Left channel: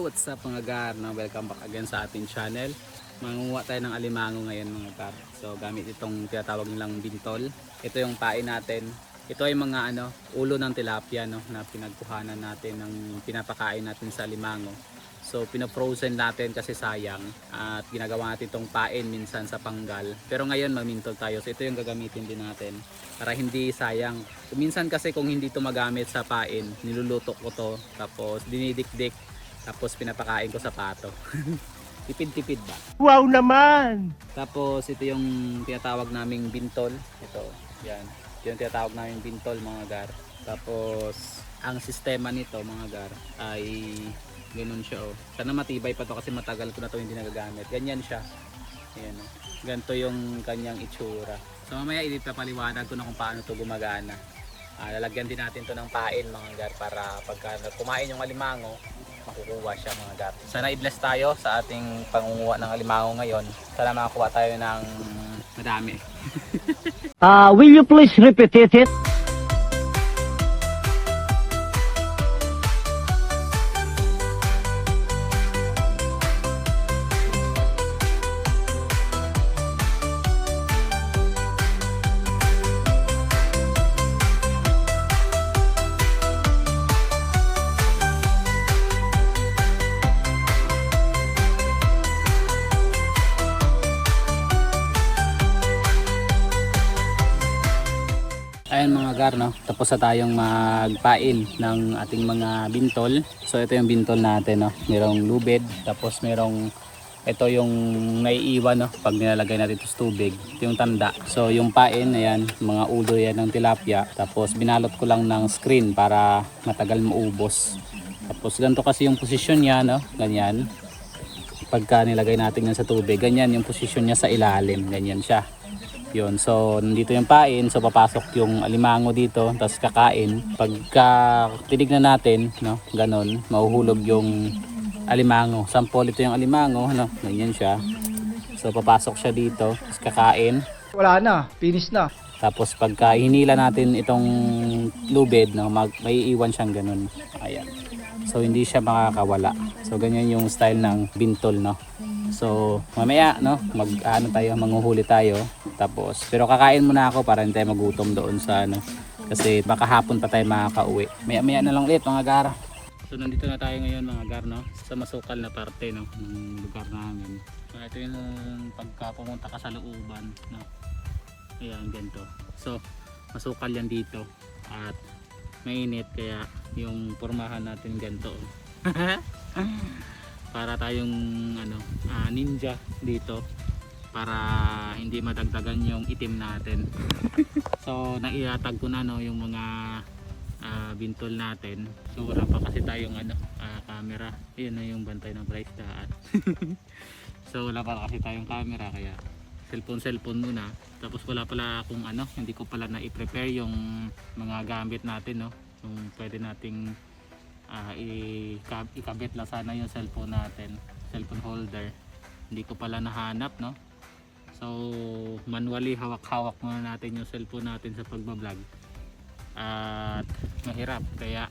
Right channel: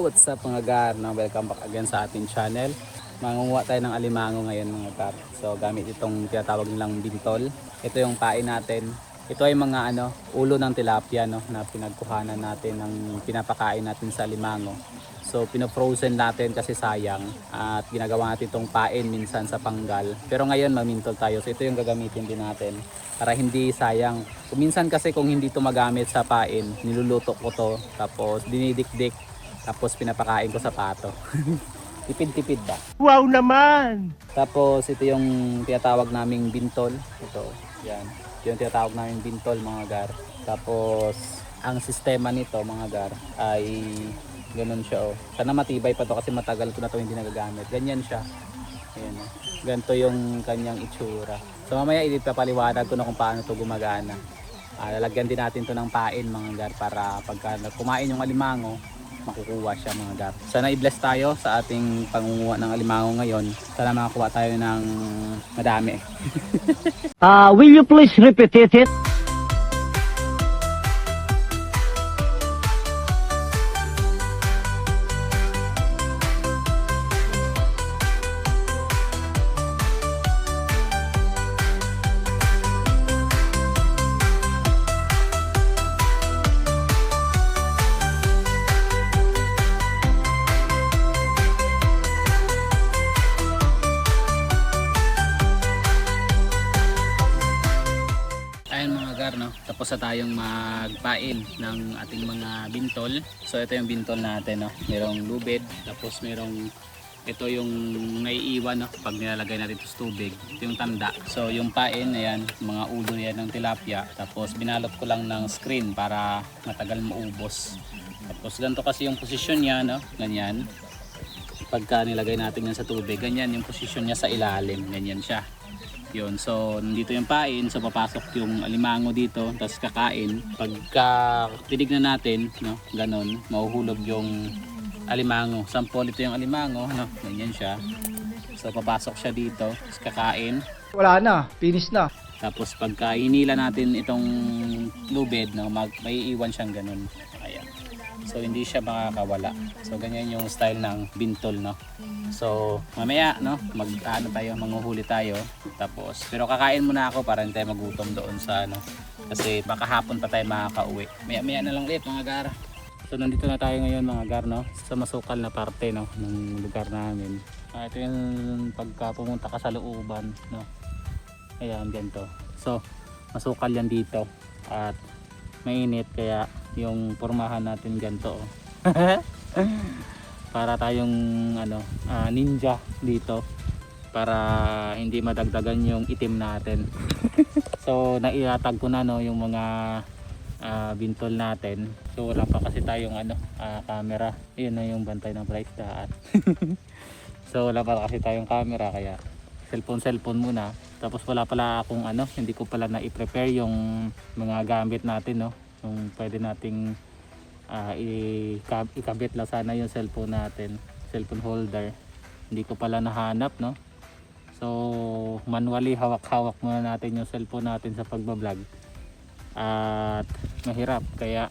Hello, what's up mga gar? Welcome back again sa ating channel. Mangunguha tayo ng alimango ngayon mga gar. So gamit itong tinatawag nilang bintol. Ito yung pain natin. Ito ay mga ulo ng tilapia na pinagkuhanan natin ng pinapakain natin sa alimango. So pinofrozen natin kasi sayang at ginagawa natin itong pain minsan sa panggal. Pero ngayon mamintol tayo. So ito yung gagamitin din natin para hindi sayang. Minsan kasi kung hindi ito magamit sa pain, niluluto ko to tapos dinidikdik tapos pinapakain ko sa pato. Tipid-tipid ba? Wow naman! Tapos ito yung tinatawag naming bintol. Ito, yan. Ito yung tinatawag naming bintol mga gar. Tapos ang sistema nito mga gar ay ganun siya oh. Sana matibay pa to kasi matagal ko na to hindi nagagamit. Ganyan siya. Ayan. Ganito yung kanyang itsura. So mamaya ipapaliwanag ko na kung paano to gumagana. Lalagyan din natin to ng pain mga gar para pagka kumain yung alimango makukuha siya mga gar. Sana i-bless tayo sa ating pangunguha ng alimango ngayon. Sana makakuha tayo ng madami. Will you please repeat it? Ayan mga gar, tapos na tayong magpain ng ating mga bintol. So ito yung bintol natin, merong lubid, tapos merong ito yung naiiwan pag nilalagay natin ito sa tubig, ito yung tanda. So yung pain, ayan, mga ulo yan ng tilapia, tapos binalot ko lang ng screen para matagal maubos. Tapos ganito kasi yung posisyon niya, ganyan. Pagka nilagay natin yan sa tubig, ganyan yung posisyon niya sa ilalim, ganyan siya. Yun, so nandito yung pain, so papasok yung alimango dito, tapos kakain. Pagka tinignan natin, ganon, mahuhulog yung alimango. Sample ito yung alimango, ganyan siya. So papasok siya dito, tapos kakain. Wala na, finish na. Tapos pagka hinila natin itong lubid, may iiwan siyang ganon. Ayan. So hindi siya makakawala. So ganyan yung style ng bintol, So mamaya manghuhuli tayo. Tapos pero kakain muna ako para hindi tayo magutom doon sa kasi baka hapon pa tayo makakauwi. Maya na lang ulit mga gar. So nandito na tayo ngayon mga gar, sa masukal na parte ng lugar namin. Ito yung pagka pumunta ka sa looban, Ayan ganito. So masukal yan dito at mainit kaya yung pormahan natin ganito. Para tayong ninja dito para hindi madagdagan yung itim natin. So naiatag ko na yung mga bintol natin. So wala pa kasi tayong camera. Ayun na yung bantay ng price daan. So wala pa kasi tayong camera kaya cellphone muna. Tapos wala pala akong hindi ko pala na-i-prepare yung mga gamit natin, yung pwede nating ikabit lang sana yung cellphone natin, cellphone holder. Hindi ko pala nahanap, so manually hawak-hawak muna natin yung cellphone natin sa pagbablog at mahirap kaya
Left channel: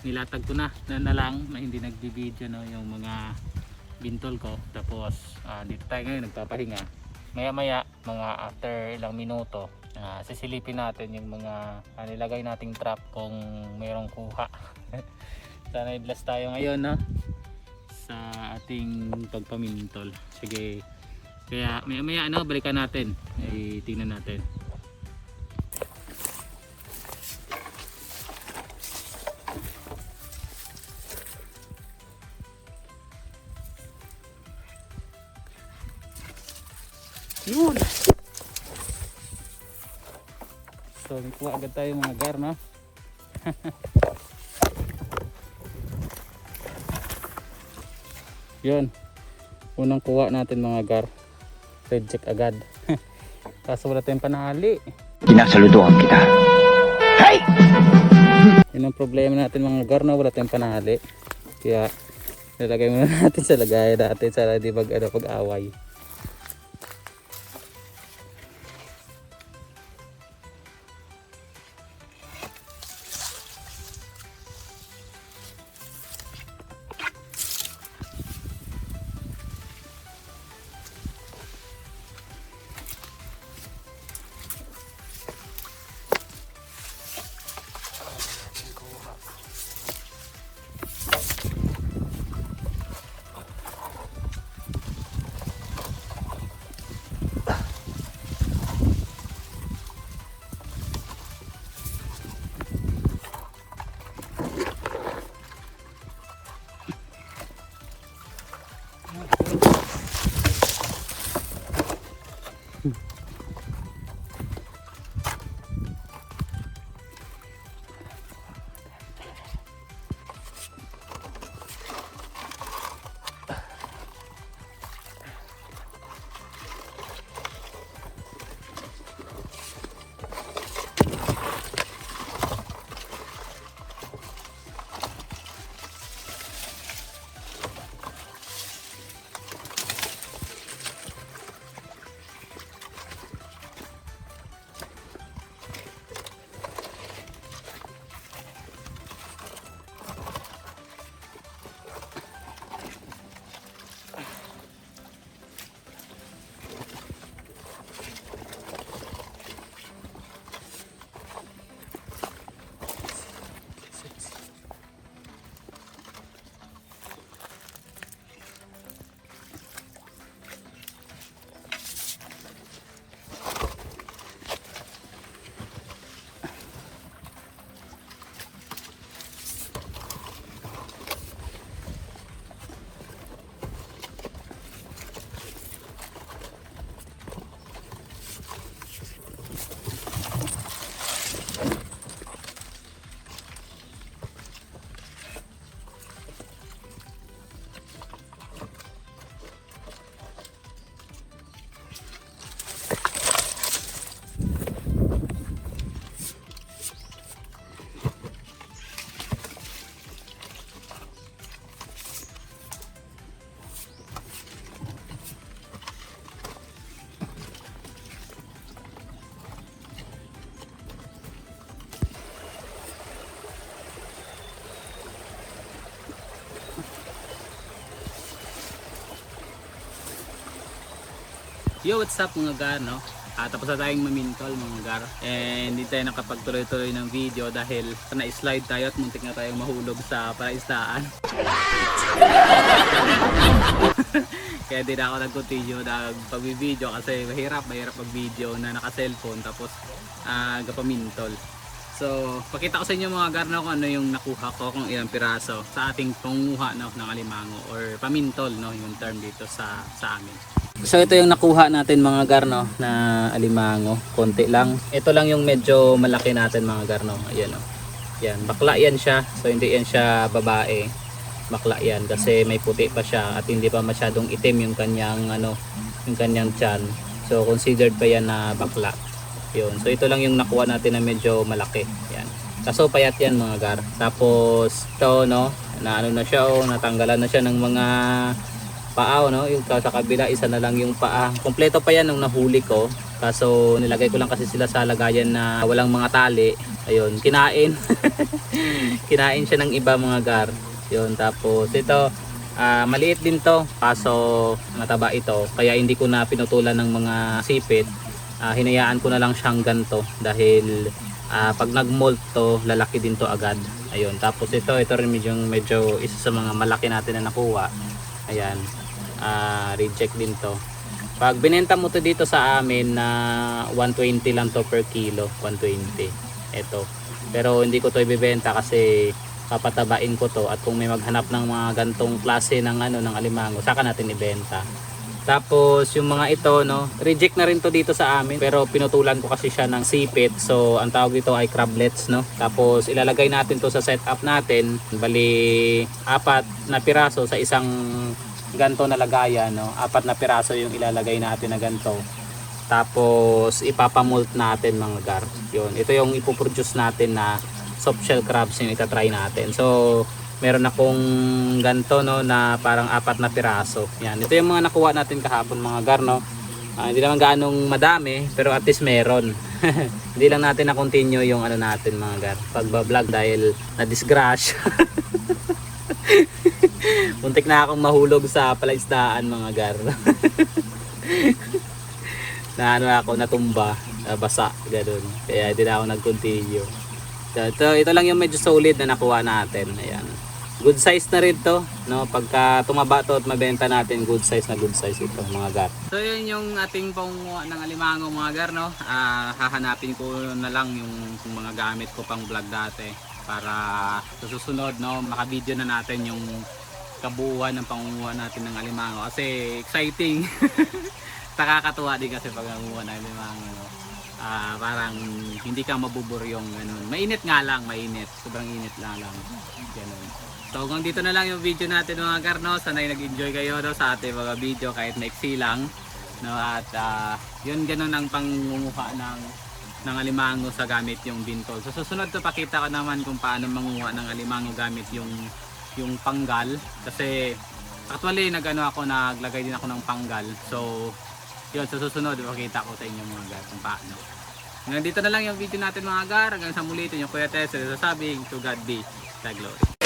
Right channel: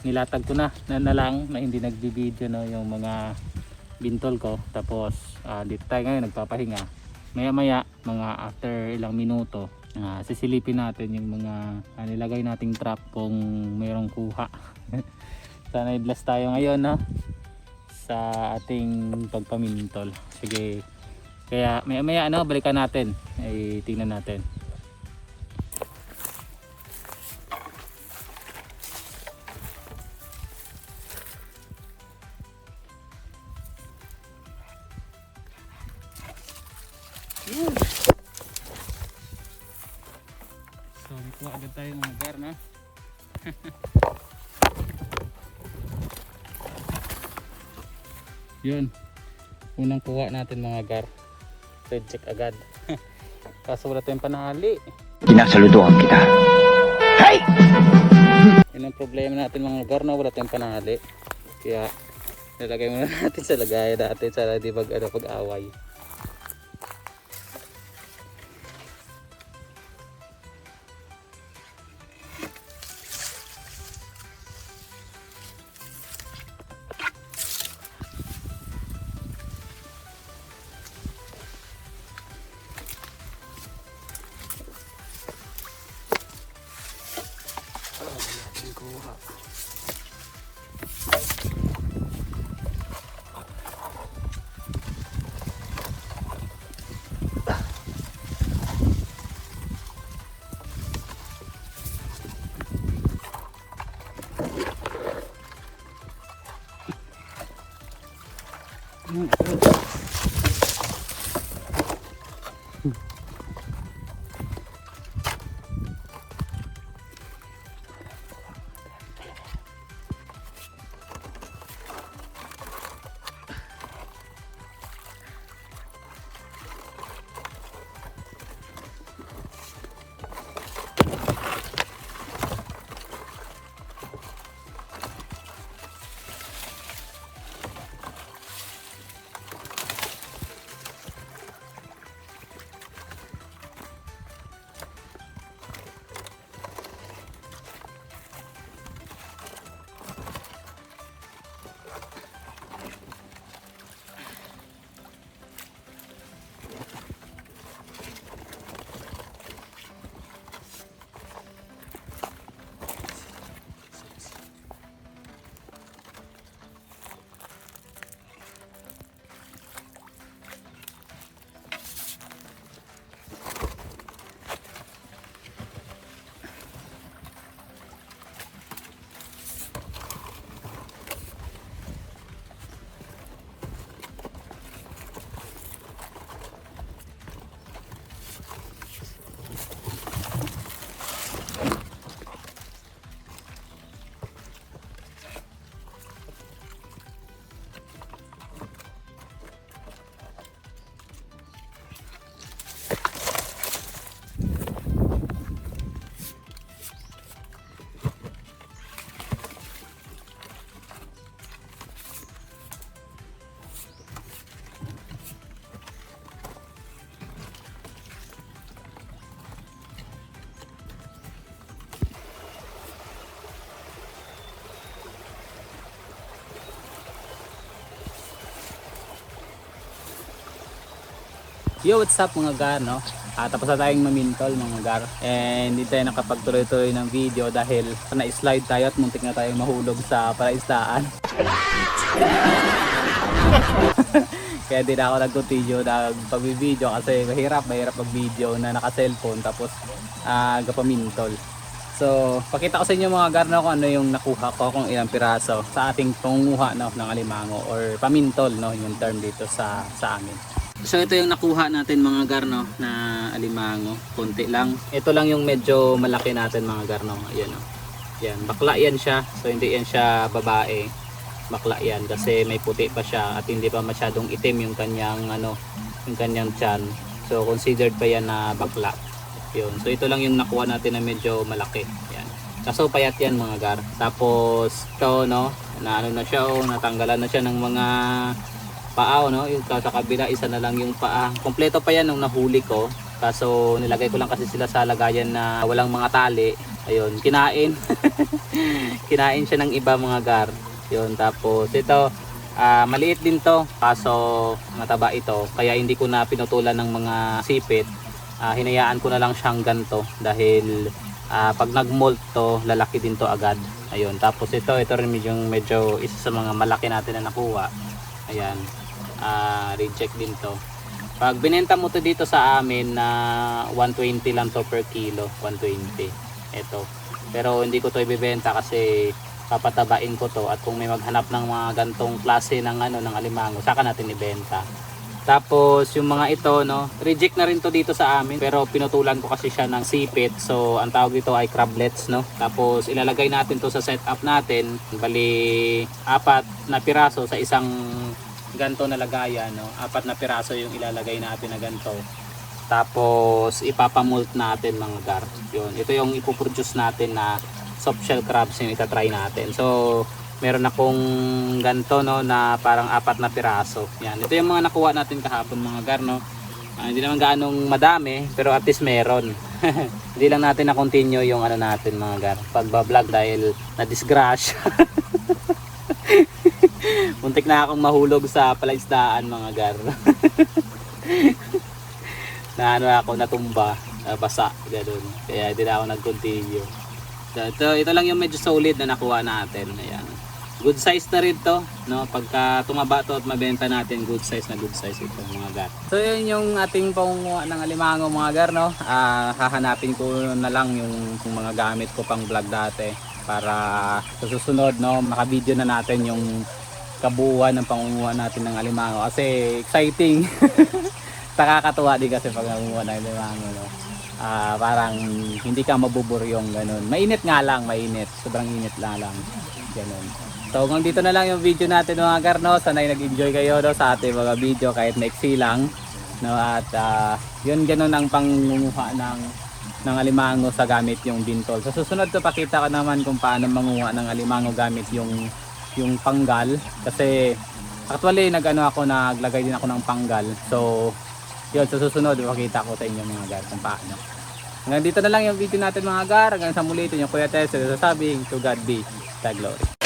nilatag ko na lang na hindi nagbibideo yung mga bintol ko. Tapos dito tayo ngayon nagpapahinga. Maya mga after ilang minuto sisilipin natin yung mga nilagay nating trap kung mayroong kuha. Sana i-bless tayo ngayon sa ating pagpamintol. Sige. Kaya maya balikan natin. Tingnan natin. Yun. So kuha agad tayo mga gar, Yun, unang kuha natin mga gar, red check agad. Kaso wala tayong panali. Kinasaludoan kita. Hey! Yun ang problema natin mga gar, wala tayong panali. Kaya nilagay muna natin sa lagayan natin sa di pag-away. Yo, what's up mga gar, no? Tapos na tayong mamintol mga gar. And hindi tayo nakapagtuloy-tuloy ng video dahil na-slide tayo at muntik na tayong mahulog sa palaisdaan. Kaya di na ako nag-continue ng pag-video kasi mahirap mag-video na naka-cellphone tapos gapamintol. So, pakita ko sa inyo mga gar, no, kung ano yung nakuha ko, kung ilang piraso sa ating pangunguha, no, ng alimango or pamintol, no, yung term dito sa amin. So ito yung nakuha natin mga gar, no, na alimango, konti lang. Ito lang yung medyo malaki natin mga gar, no. Ayan, no. Yan, bakla yan siya. So hindi yan siya babae. Bakla yan kasi may puti pa siya at hindi pa masyadong itim yung kanyang yung kanyang tiyan. So considered pa yan na bakla. Yun. So ito lang yung nakuha natin na medyo malaki. Yan. Kaso payat yan mga gar. Tapos ito, no, na na siya, natanggalan na siya ng mga paa, no. Yung sa kabila isa na lang yung paa. Kompleto pa yan nung nahuli ko. Kaso nilagay ko lang kasi sila sa lagayan na walang mga tali. Ayun, kinain. Kinain siya ng iba mga gar. Yun, tapos ito maliit din to. Kaso mataba ito. Kaya hindi ko na pinutulan ng mga sipit. Hinayaan ko na lang siyang ganito dahil pag nag-molt to lalaki din to agad. Ayun, tapos ito rin medyo isa sa mga malaki natin na nakuha. Ayan, reject din to. Pag binenta mo to dito sa amin na 120 lang to per kilo, 120 ito. Pero hindi ko to ibebenta kasi papatabain ko to at kung may maghanap ng mga gantong klase ng ng alimango saka natin ibenta. Tapos yung mga ito, no, reject na rin to dito sa amin pero pinutulan ko kasi siya ng sipit. So ang tawag dito ay crablets, no. Tapos ilalagay natin to sa setup natin. Bali 4 na piraso sa isang ganto na lagayan, no. 4 na piraso yung ilalagay natin na ganto. Tapos ipapamult natin mga gar. Yun, ito yung ipoproduce natin na soft shell crabs yung itatry natin. So meron akong ganto, no, na parang 4 na piraso. Yan, ito yung mga nakuha natin kahapon mga gar, no. Hindi naman gaanong madami pero at least meron. Hindi lang natin na continue yung natin mga gar, pagbablog dahil na disgrasya. Muntik na akong mahulog sa palaisdaan mga gar. Na ako natumba, basa ganoon. Kaya hindi na ako nag-continue. Ito lang yung medyo solid na nakuha natin. Ayan. Good size na rin to, no? Pagka tumaba to at mabenta natin, good size ito mga gar. So yun yung ating pangunguha ng alimango mga gar, no? Hahanapin ko na lang yung mga gamit ko pang vlog dati para sa susunod, no, maka-video na natin yung kabuuan ng pangunguha natin ng alimango kasi exciting. Nakakatuwa din kasi pag nangunguha ng alimango, no? Parang hindi ka mabuburyong ganun. Mainit nga lang, sobrang init lang ganun. So hanggang dito na lang yung video natin mga gar, no. Sana'y nag-enjoy kayo, no, sa ating mga video kahit maiksi lang, no. At yun, ganun ang pangunguha ng alimango sa gamit yung bintol. Sa susunod to pakita ko naman kung paano manguha ng alimango gamit yung panggal kasi actually naglagay din ako ng panggal. So yun, sa susunod makita ko sa inyo mga gar kung paano. Hanggang dito na lang yung video natin mga gar. Hanggang sa muli, ito yung Kuya Tess, sabing to God be the glory.